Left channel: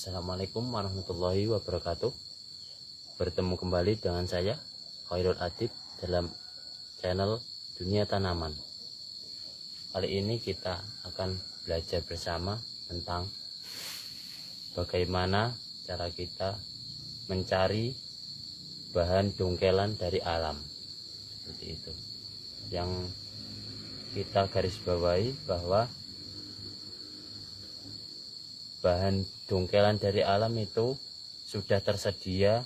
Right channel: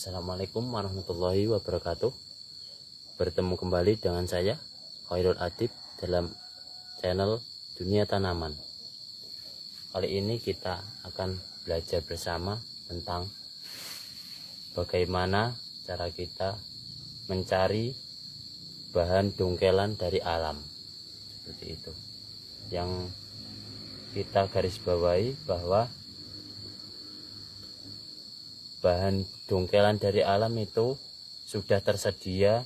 Assalamualaikum warahmatullahi wabarakatuh. Bertemu kembali dengan saya Khairul Adib dalam channel Dunia Tanaman. Kali ini kita akan belajar bersama tentang bagaimana cara kita mencari bahan dongkelan dari alam. Seperti itu. Yang kita garis bawahi bahwa bahan dongkelan dari alam itu sudah tersedia,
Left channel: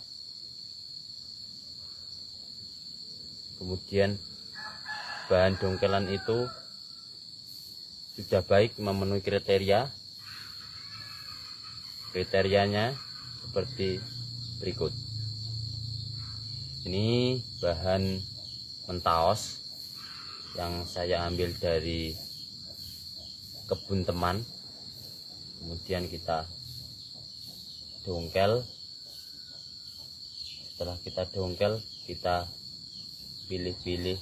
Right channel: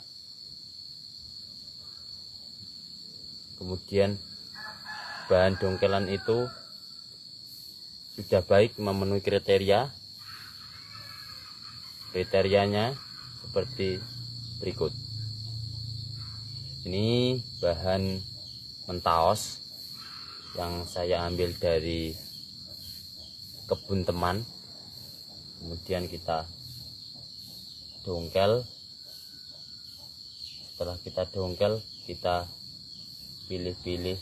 kemudian bahan dongkelan itu sudah baik memenuhi kriterianya seperti berikut. Ini bahan mentaos yang saya ambil dari kebun teman. Kemudian kita dongkel. Setelah kita dongkel, kita pilih-pilih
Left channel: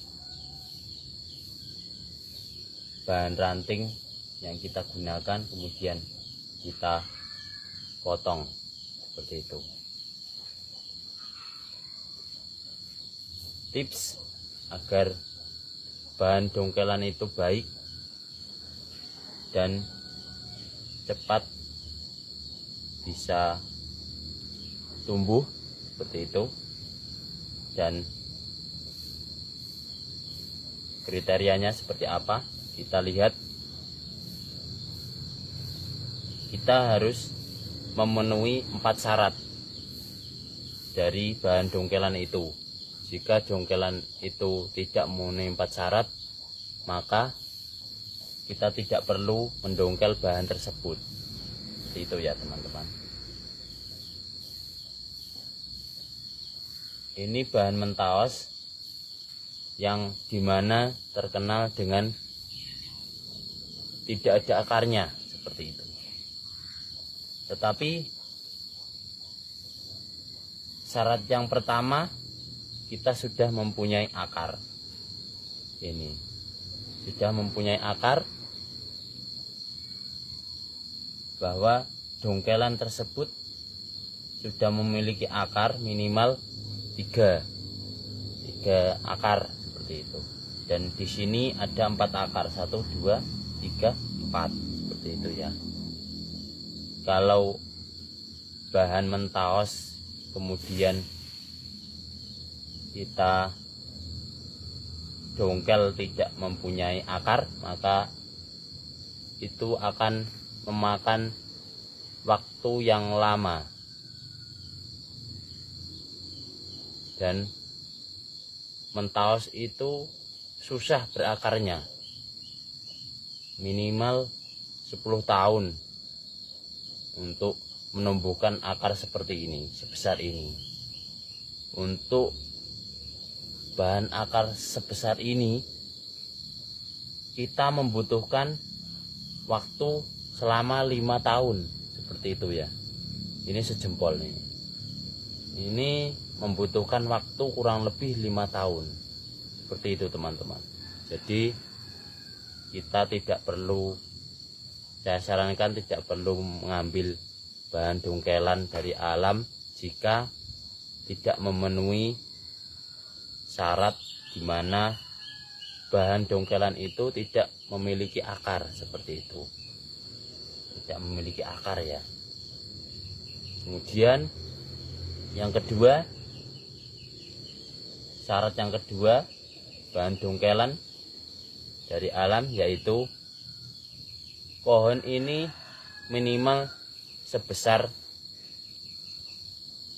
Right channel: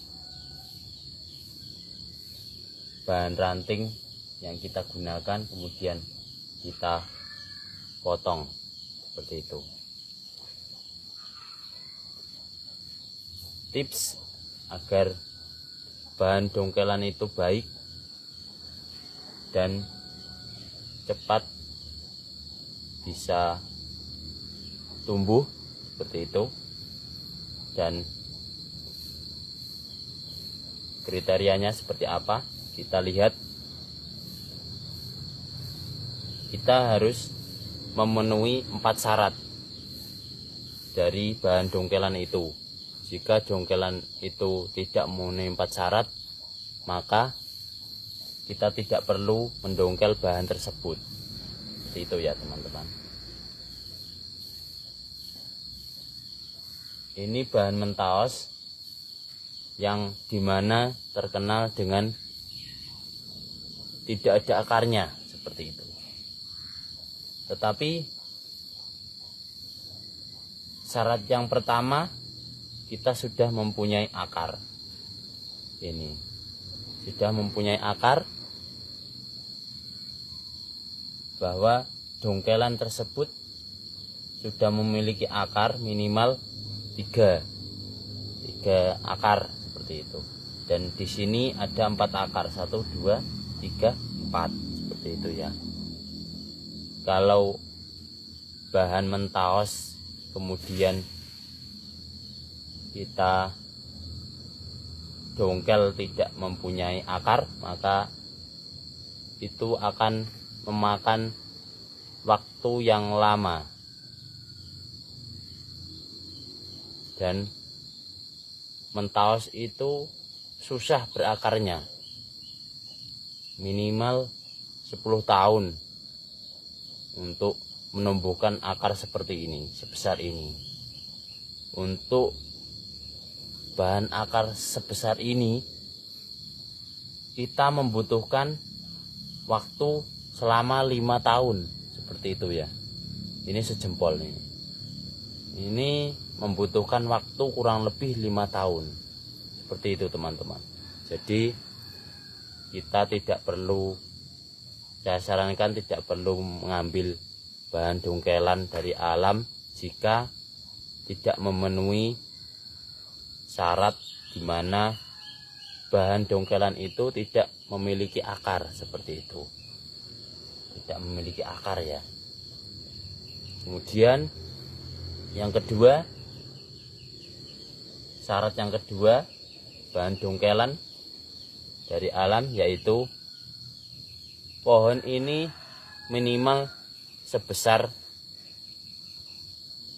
bahan ranting yang kita gunakan, kemudian kita potong seperti itu. Tips agar bahan dongkelan itu baik dan cepat bisa tumbuh seperti itu, dan kriterianya seperti apa kita lihat. Kita harus memenuhi 4 syarat dari bahan dongkelan itu. Jika dongkelan itu tidak memenuhi 4 syarat, maka kita tidak perlu mendongkel bahan tersebut. Itu ya teman-teman. Ini bahan mentaos yang dimana terkenal dengan tidak ada akarnya seperti itu. Tetapi syarat yang pertama, kita sudah mempunyai akar. Ini sudah mempunyai akar, bahwa dongkelan tersebut sudah memiliki akar minimal 3 akar seperti itu. Dan di sini ada 4 akar, 1, 2, 3, 4 seperti itu ya. Kalau bahan mentaos kemudian kita dongkel tidak mempunyai akar, maka itu akan memakan waktu yang lama dan mentaos itu susah berakarnya, minimal 10 tahun untuk menumbuhkan akar seperti ini, sebesar ini. Untuk bahan akar sebesar ini kita membutuhkan waktu selama 5 tahun seperti itu ya. Ini sejempol nih. Ini membutuhkan waktu kurang lebih 5 tahun seperti itu teman-teman. Jadi kita tidak perlu, saya sarankan tidak perlu mengambil bahan dongkelan dari alam jika tidak memenuhi syarat di mana bahan dongkelan itu tidak memiliki akar seperti itu. Tidak memiliki akar ya. Kemudian yang kedua, syarat yang kedua bahan dongkelan dari alam yaitu pohon ini minimal sebesar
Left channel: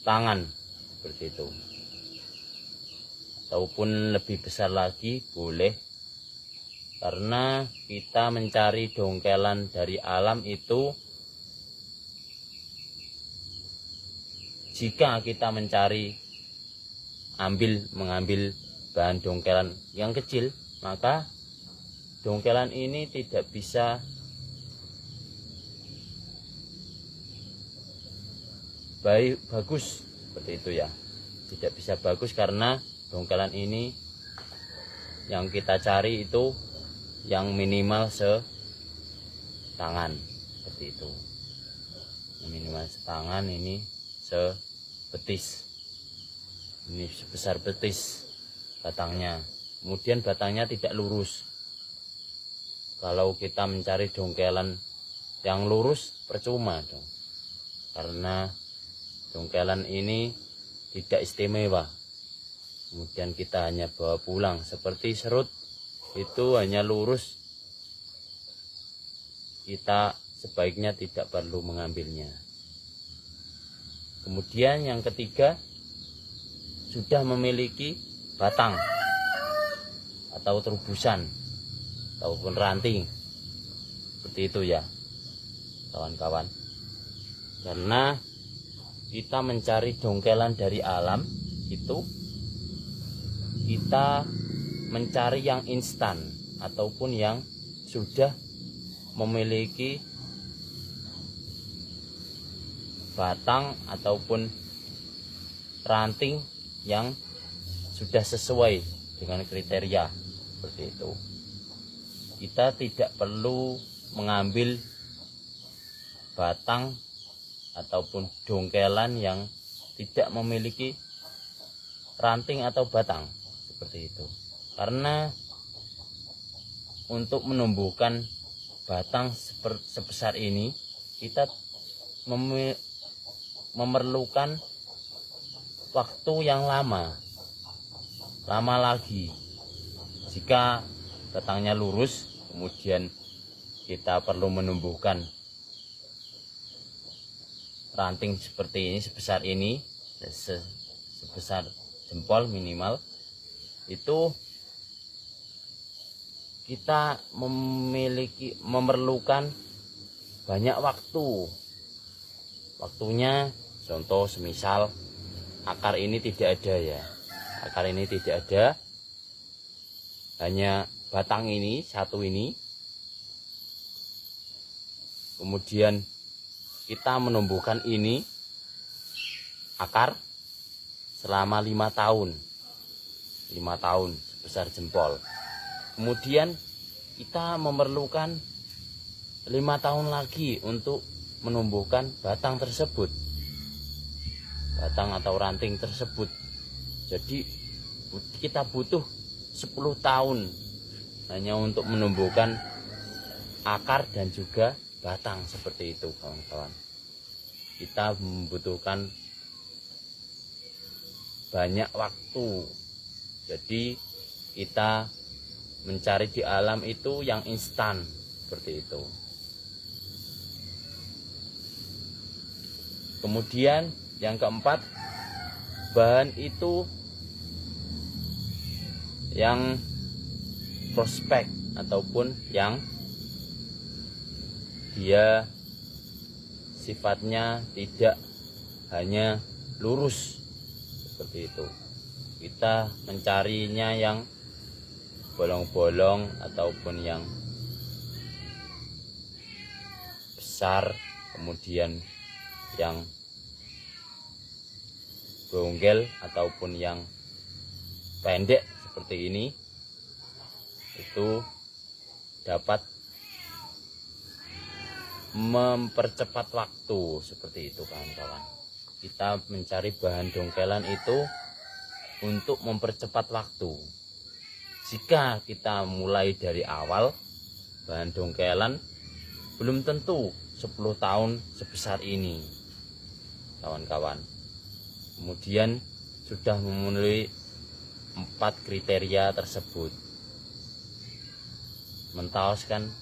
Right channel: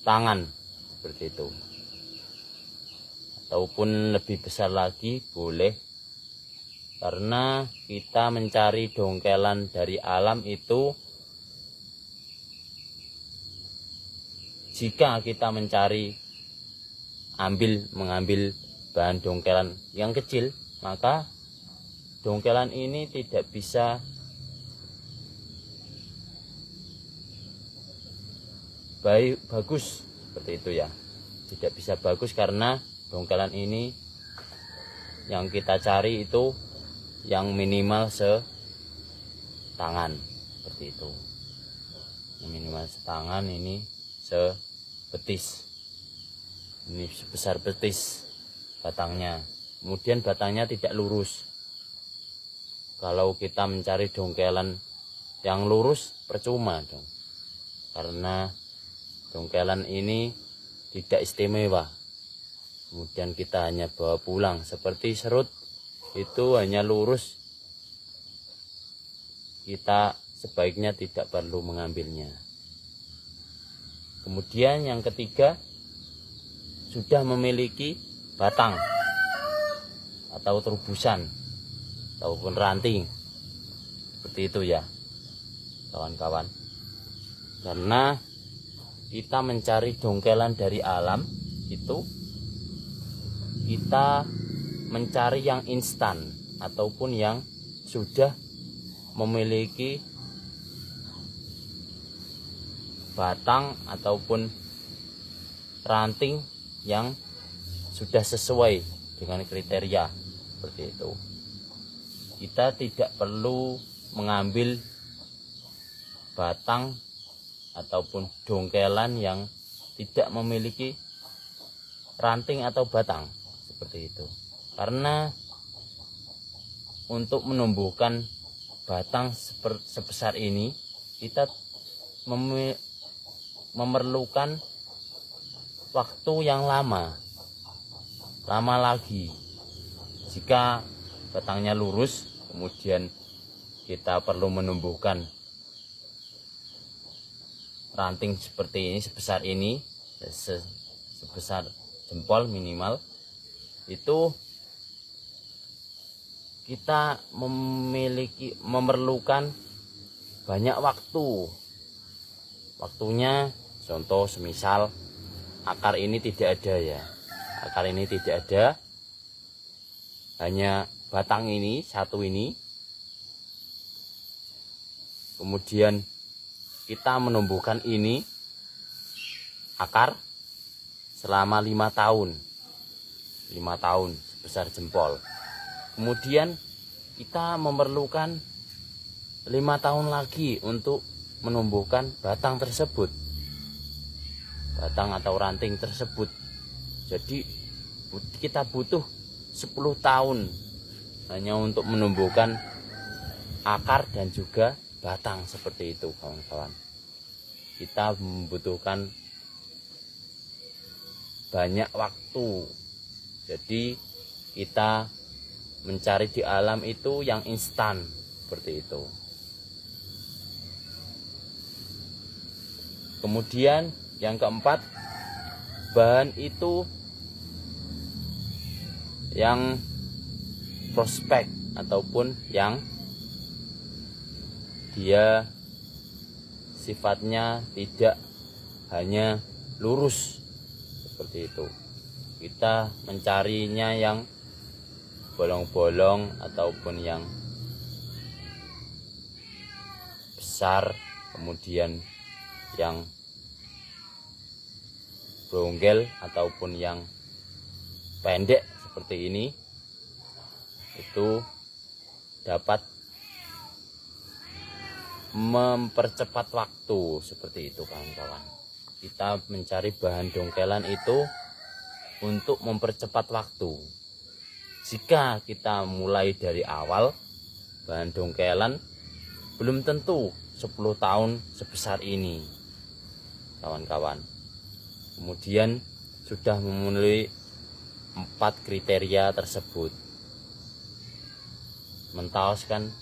tangan seperti itu, ataupun lebih besar lagi boleh, karena kita mencari dongkelan dari alam itu, jika kita mengambil bahan dongkelan yang kecil, maka dongkelan ini tidak bisa bagus seperti itu ya. Tidak bisa bagus karena dongkelan ini yang kita cari itu yang minimal setangan seperti itu. minimal setangan, ini sebetis, ini sebesar betis batangnya. Kemudian batangnya tidak lurus. Kalau kita mencari dongkelan yang lurus percuma dong, karena dongkelan ini tidak istimewa. Kemudian kita hanya bawa pulang. Seperti serut itu hanya lurus, kita sebaiknya tidak perlu mengambilnya. Kemudian yang ketiga, sudah memiliki batang atau terubusan ataupun ranting, seperti itu ya kawan-kawan. Karena kita mencari dongkelan dari alam itu, kita mencari yang instan ataupun yang sudah memiliki batang ataupun ranting yang sudah sesuai dengan kriteria, seperti itu. Kita tidak perlu mengambil batang ataupun dongkelan yang tidak memiliki ranting atau batang, seperti itu. Karena untuk menumbuhkan batang sebesar ini, kita memerlukan waktu yang lama lagi. Jika batangnya lurus, kemudian kita perlu menumbuhkan ranting seperti ini, sebesar ini, sebesar jempol minimal, itu kita memerlukan banyak waktu. Waktunya, contoh semisal akar ini tidak ada ya, akar ini tidak ada, hanya batang ini satu ini. Kemudian kita menumbuhkan ini akar selama 5 tahun sebesar jempol. Kemudian kita memerlukan 5 tahun lagi untuk menumbuhkan batang tersebut, batang atau ranting tersebut. Jadi kita butuh 10 tahun hanya untuk menumbuhkan akar dan juga batang, seperti itu kawan-kawan. Kita membutuhkan banyak waktu. Jadi kita mencari di alam itu yang instan, seperti itu. Kemudian yang keempat, bahan itu yang prospek ataupun yang dia sifatnya tidak hanya lurus, seperti itu. Kita mencarinya yang bolong-bolong ataupun yang besar, kemudian yang bronggel ataupun yang pendek seperti ini, itu dapat mempercepat waktu, seperti itu kawan-kawan. Kita mencari bahan dongkelan itu untuk mempercepat waktu. Jika kita mulai dari awal, bahan dongkelan belum tentu 10 tahun sebesar ini kawan-kawan. Kemudian sudah memenuhi 4 kriteria tersebut. Mentaos kan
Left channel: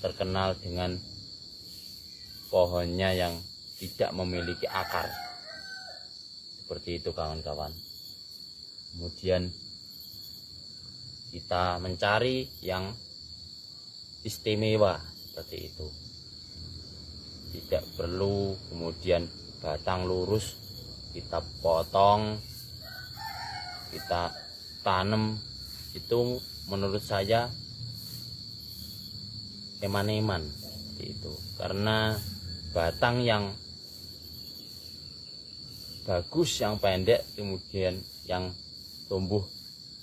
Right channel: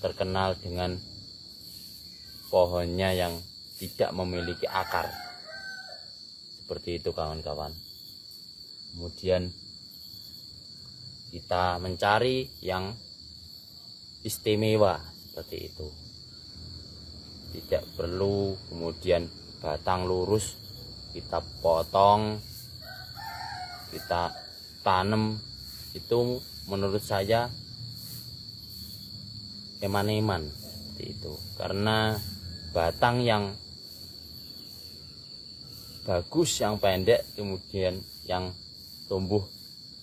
terkenal dengan pohonnya yang tidak memiliki akar, seperti itu kawan-kawan. Kemudian kita mencari yang istimewa, seperti itu. Tidak perlu kemudian batang lurus kita potong, kita tanam, itu menurut saya eman-eman, itu. Karena batang yang bagus, yang pendek, kemudian yang tumbuh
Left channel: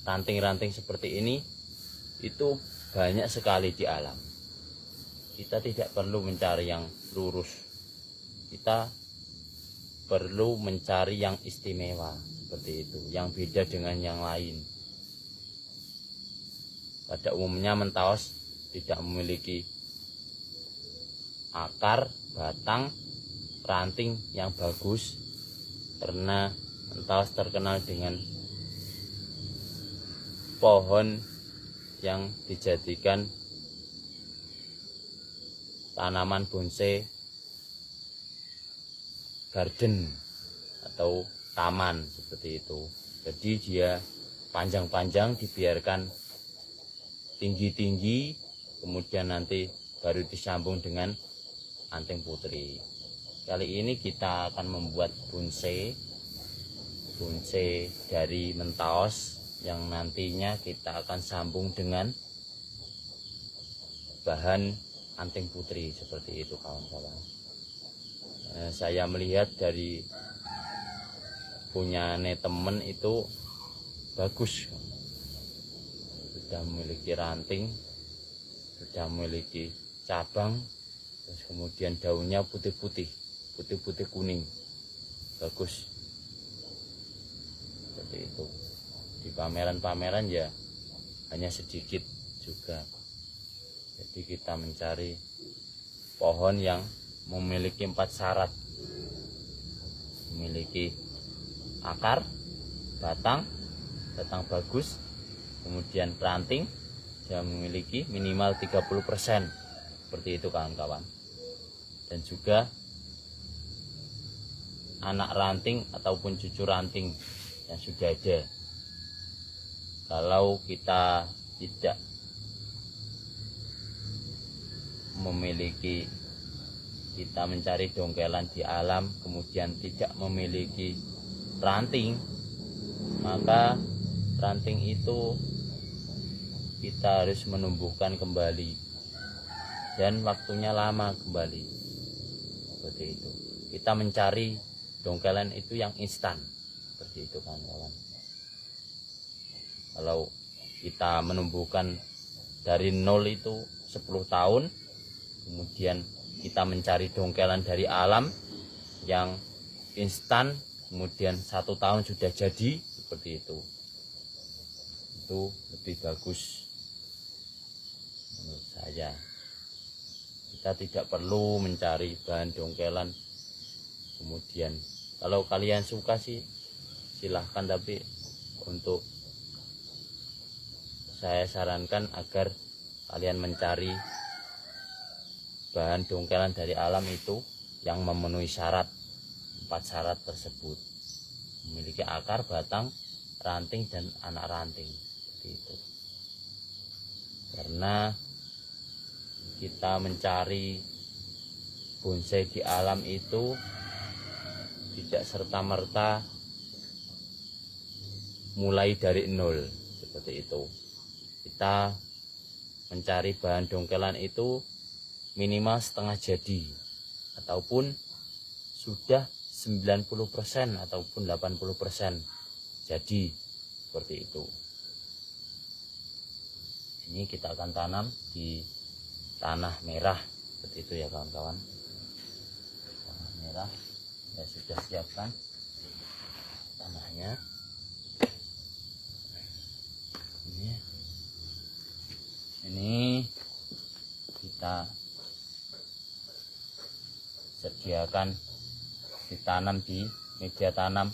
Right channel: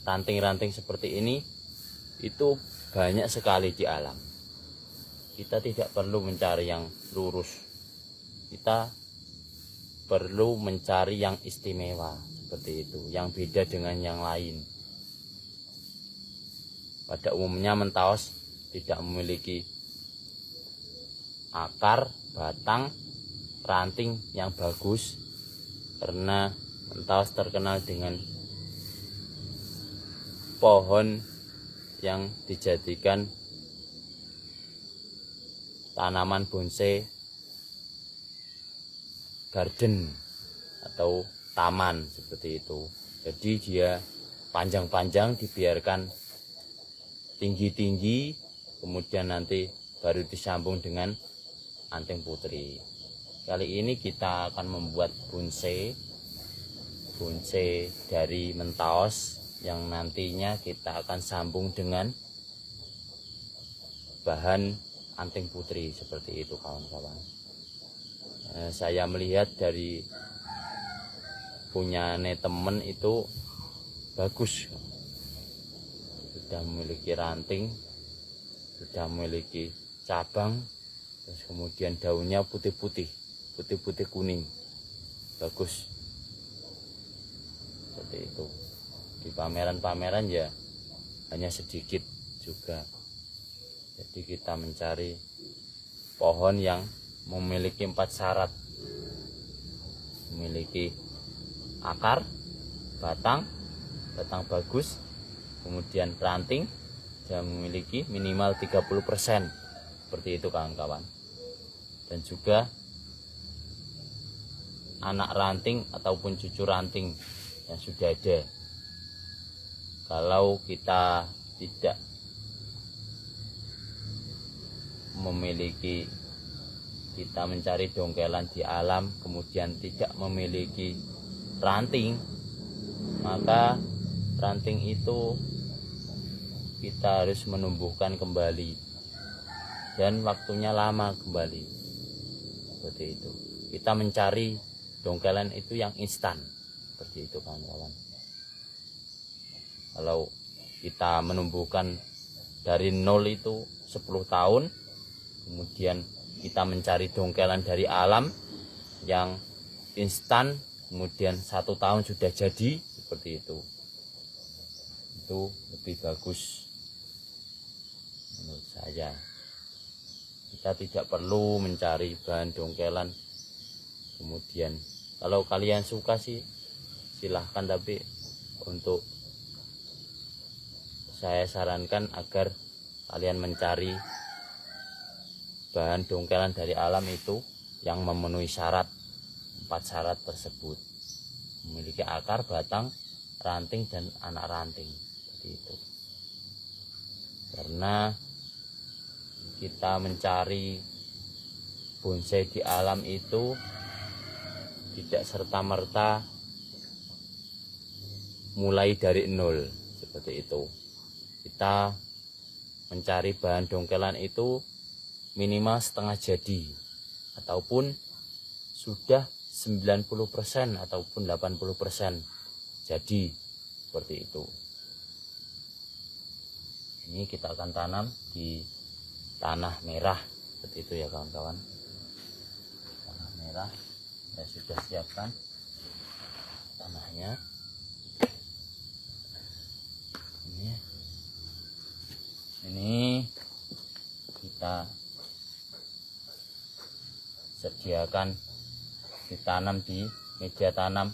ranting-ranting seperti ini, itu banyak sekali di alam. kita tidak perlu mencari yang lurus, kita perlu mencari yang istimewa seperti itu, yang beda dengan yang lain. Pada umumnya Mentaos tidak memiliki akar, batang, ranting yang bagus, karena Mentaos terkenal dengan pohon yang dijadikan tanaman bonsai garden atau taman seperti itu. Jadi dia panjang-panjang, dibiarkan tinggi-tinggi, kemudian nanti baru disambung dengan anting putri. Kali ini kita akan membuat bonsai dari Mentaos yang nantinya kita akan sambung dengan bahan anting putri seperti itu, kawan-kawan. Saya melihat dari punya temen itu bagus, sudah memiliki ranting, sudah memiliki cabang, terus kemudian daunnya putih-putih kuning, bagus seperti itu. Di pameran-pameran ya hanya sedikit juga. Jadi kita mencari pohon yang memiliki 4 syarat, memiliki akar, batang bagus, kemudian ranting dan memiliki minimal 30%, seperti itu, kawan-kawan. Dan juga anak ranting ataupun cucu ranting yang sudah ada. Kalau kita tidak memiliki, kita mencari dongkelan di alam kemudian tidak memiliki ranting, maka ranting itu kita harus menumbuhkan kembali dan waktunya lama kembali, seperti itu. Kita mencari dongkelan itu yang instan, seperti itu, kawan-kawan. Kalau kita menumbuhkan dari nol itu 10 tahun, kemudian kita mencari dongkelan dari alam yang instan, kemudian 1 tahun sudah jadi, seperti itu lebih bagus menurut saya. Kita tidak perlu mencari bahan dongkelan. Kemudian kalau kalian suka sih silahkan, tapi untuk saya sarankan agar kalian mencari bahan dongkelan dari alam itu yang memenuhi syarat, 4 syarat tersebut, memiliki akar, batang, ranting, dan anak ranting, seperti itu. Karena kita mencari bonsai di alam itu tidak serta-merta mulai dari nol, seperti itu. Kita mencari bahan dongkelan itu minimal setengah jadi ataupun sudah 90% ataupun 80% jadi, seperti itu. Ini kita akan tanam di tanah merah, seperti itu ya, kawan-kawan. Tanah merah ya, sudah siapkan tanahnya. Ini kita sediakan ditanam di media tanam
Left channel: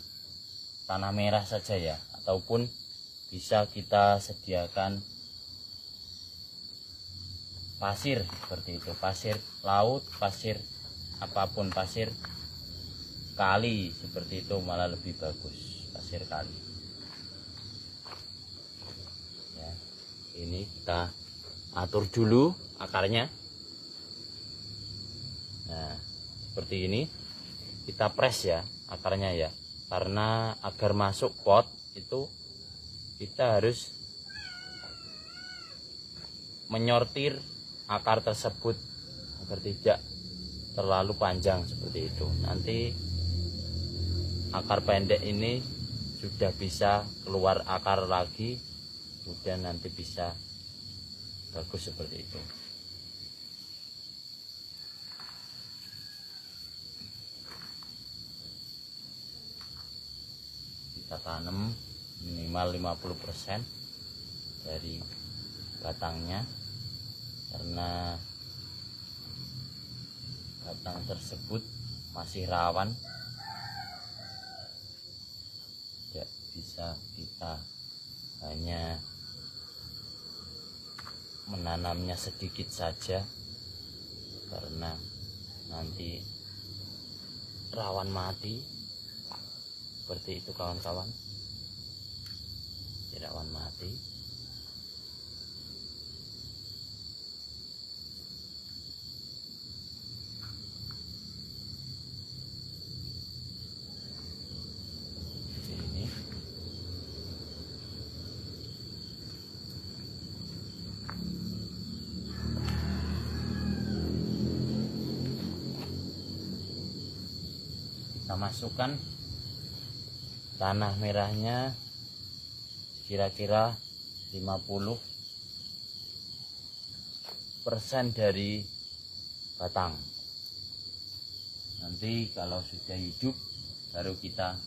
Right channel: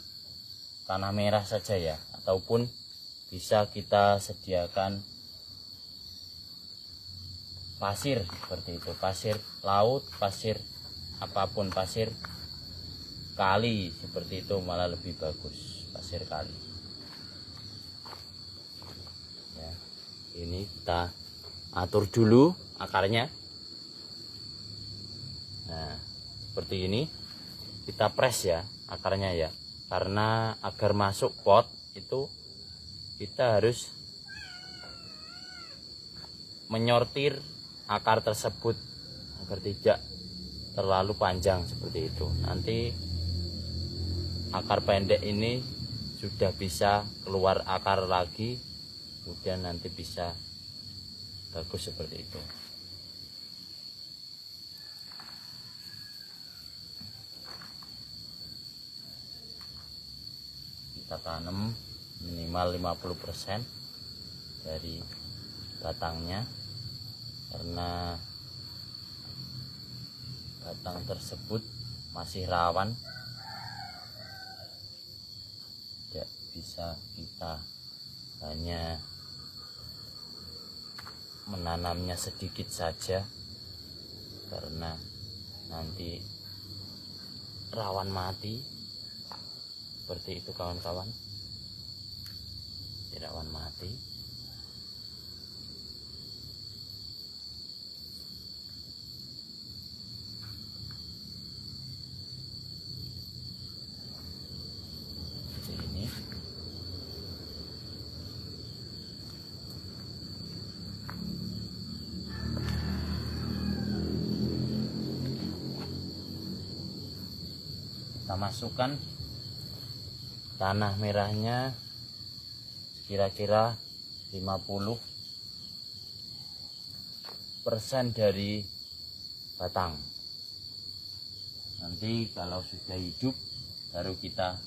tanah merah saja ya, ataupun bisa kita sediakan pasir, seperti itu, pasir laut, pasir apapun, pasir kali, seperti itu malah lebih bagus, pasir kali ya. Ini kita atur dulu akarnya. Nah, seperti ini kita press ya akarnya ya, karena agar masuk pot itu kita harus menyortir akar tersebut agar tidak terlalu panjang, seperti itu. Nanti akar pendek ini sudah bisa keluar akar lagi, kemudian nanti bisa bagus, seperti itu. tanam minimal 50% dari batangnya, karena batang tersebut masih rawan, tidak bisa kita hanya menanamnya sedikit saja, karena nanti rawan mati. Seperti itu kawan-kawan, rawan mati. Ini kita masukkan tanah merahnya kira-kira 50% dari batang. Nanti kalau sudah hidup baru kita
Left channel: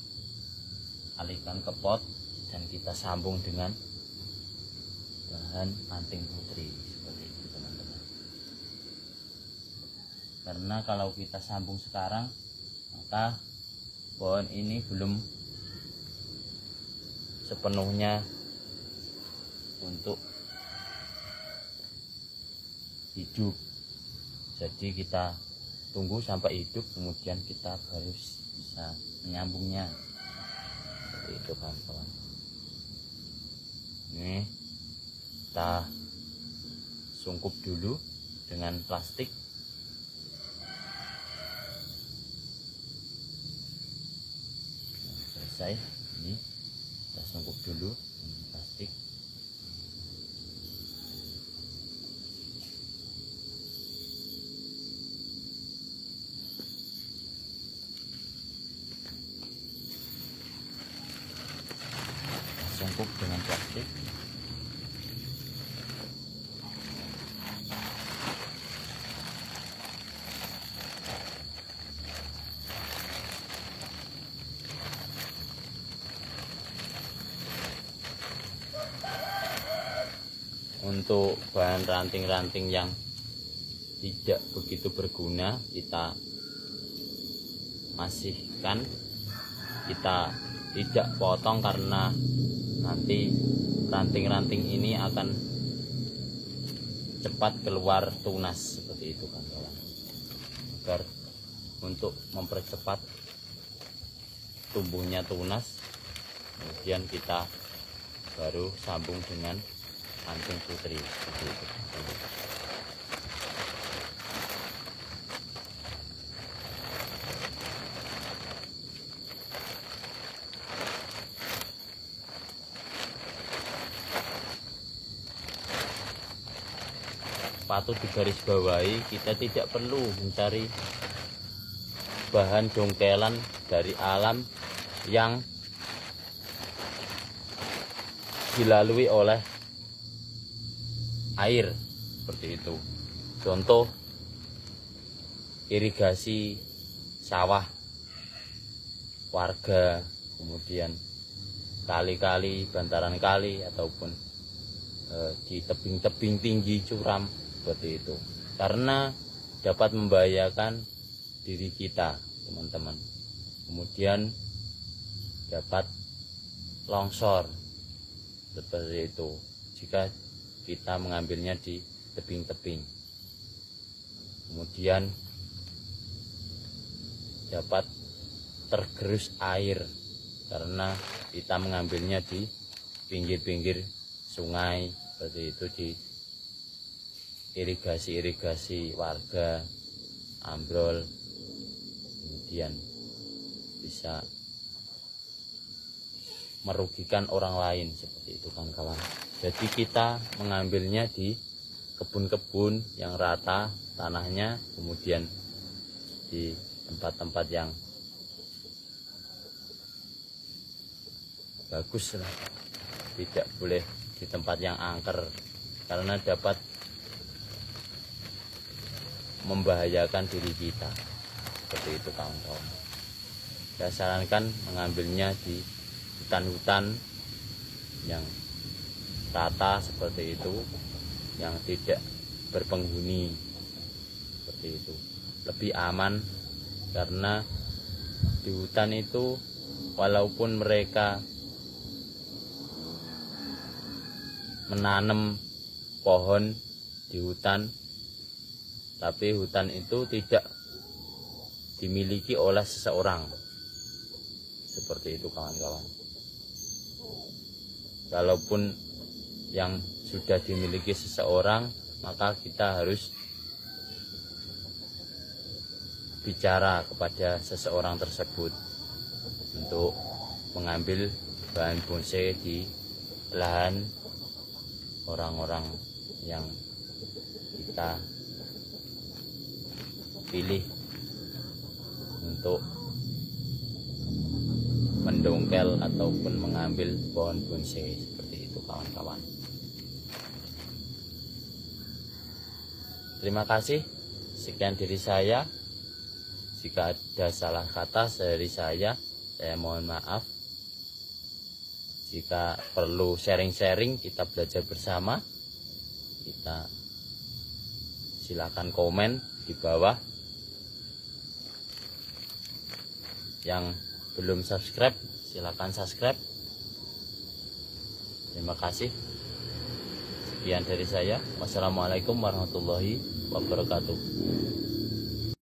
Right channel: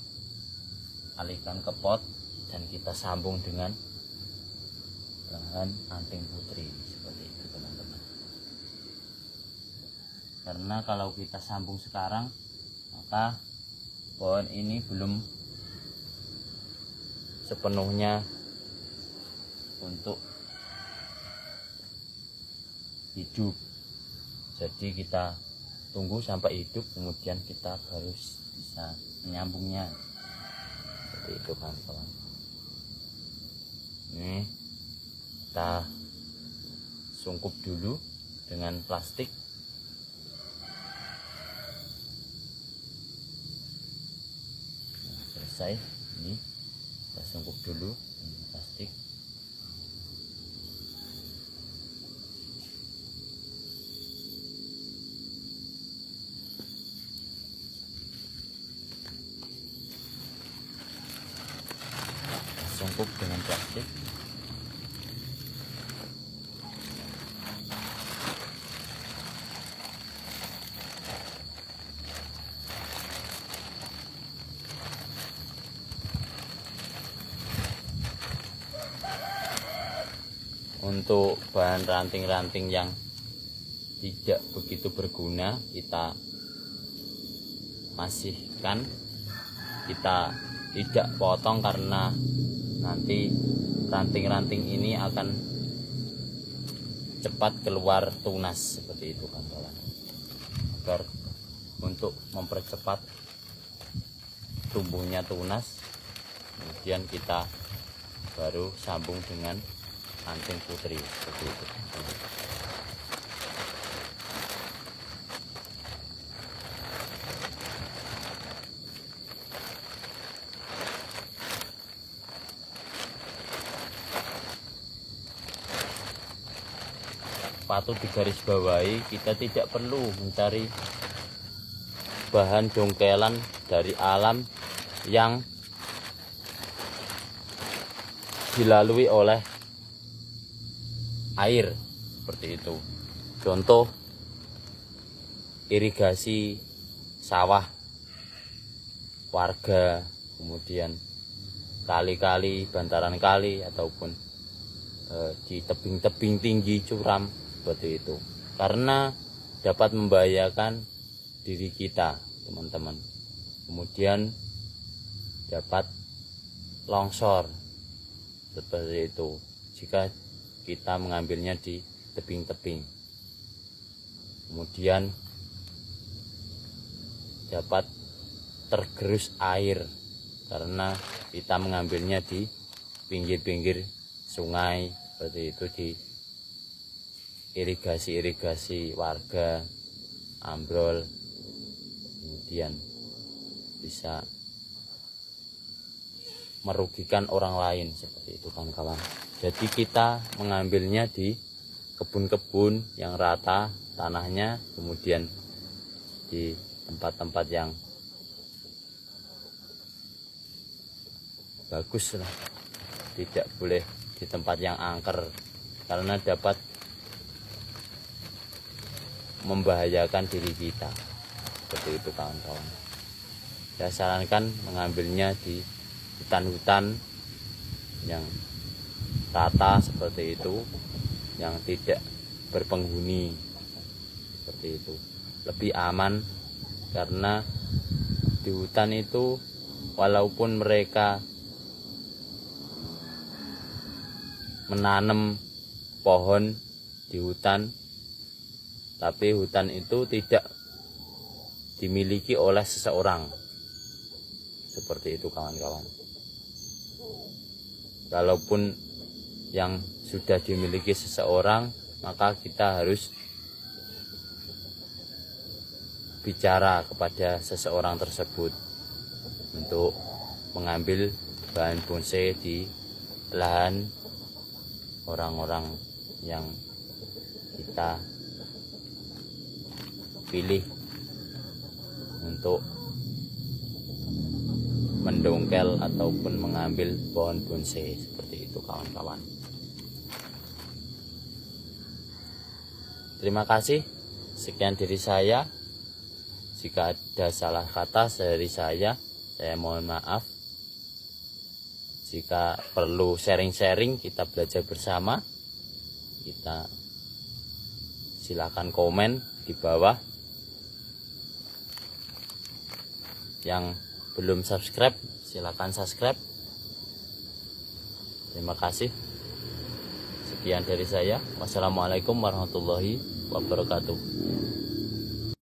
alihkan ke pot dan kita sambung dengan bahan anting putri seperti itu teman-teman. Karena kalau kita sambung sekarang, maka pohon ini belum sepenuhnya untuk hidup. Jadi kita tunggu sampai hidup, kemudian kita baru bisa menyambungnya. Seperti itu kawan-kawan. Ini kita sungkup dulu dengan plastik. Nah, selesai. Ini kita sungkup dulu dengan plastik. Sungkup dengan plastik. Untuk bahan ranting-ranting yang tidak begitu berguna kita masihkan, kita tidak potong karena nanti ranting-ranting ini akan cepat keluar tunas seperti itu kawan-kawan. Agar untuk mempercepat tumbuhnya tunas, kemudian kita baru sambung dengan anting putri seperti itu. Patut digarisbawahi, kita tidak perlu mencari bahan jongkelan dari alam yang dilalui oleh air seperti itu. Contoh irigasi sawah warga, kemudian kali-kali, bantaran kali, ataupun di tebing-tebing tinggi curam seperti itu, karena dapat membahayakan diri kita teman-teman. Kemudian dapat longsor seperti itu jika kita mengambilnya di tebing-tebing. Kemudian dapat tergerus air karena kita mengambilnya di pinggir-pinggir sungai seperti itu, di irigasi warga ambrol, kemudian bisa merugikan orang lain seperti itu kan kawan. Jadi kita mengambilnya di kebun-kebun yang rata tanahnya, kemudian di tempat-tempat yang bagus lah, tidak boleh di tempat yang angker karena dapat membahayakan diri kita seperti itu kawan-kawan. Saya sarankan mengambilnya di hutan-hutan yang rata seperti itu, yang tidak berpenghuni seperti itu, lebih aman. Karena di hutan itu walaupun mereka menanam pohon di hutan, tapi hutan itu tidak dimiliki oleh seseorang. Seperti itu kawan-kawan. Kalaupun yang sudah dimiliki seseorang, maka kita harus bicara kepada seseorang tersebut untuk mengambil bahan bonsai di lahan orang-orang yang kita pilih untuk mendongkel ataupun mengambil pohon bonsai seperti itu kawan-kawan. Terima kasih, sekian dari saya. Jika ada salah kata dari saya mohon maaf. Jika perlu sharing-sharing, kita belajar bersama, kita silakan komen di bawah. Yang belum subscribe, silakan subscribe. Terima kasih. Sekian dari saya. Wassalamualaikum warahmatullahi wabarakatuh.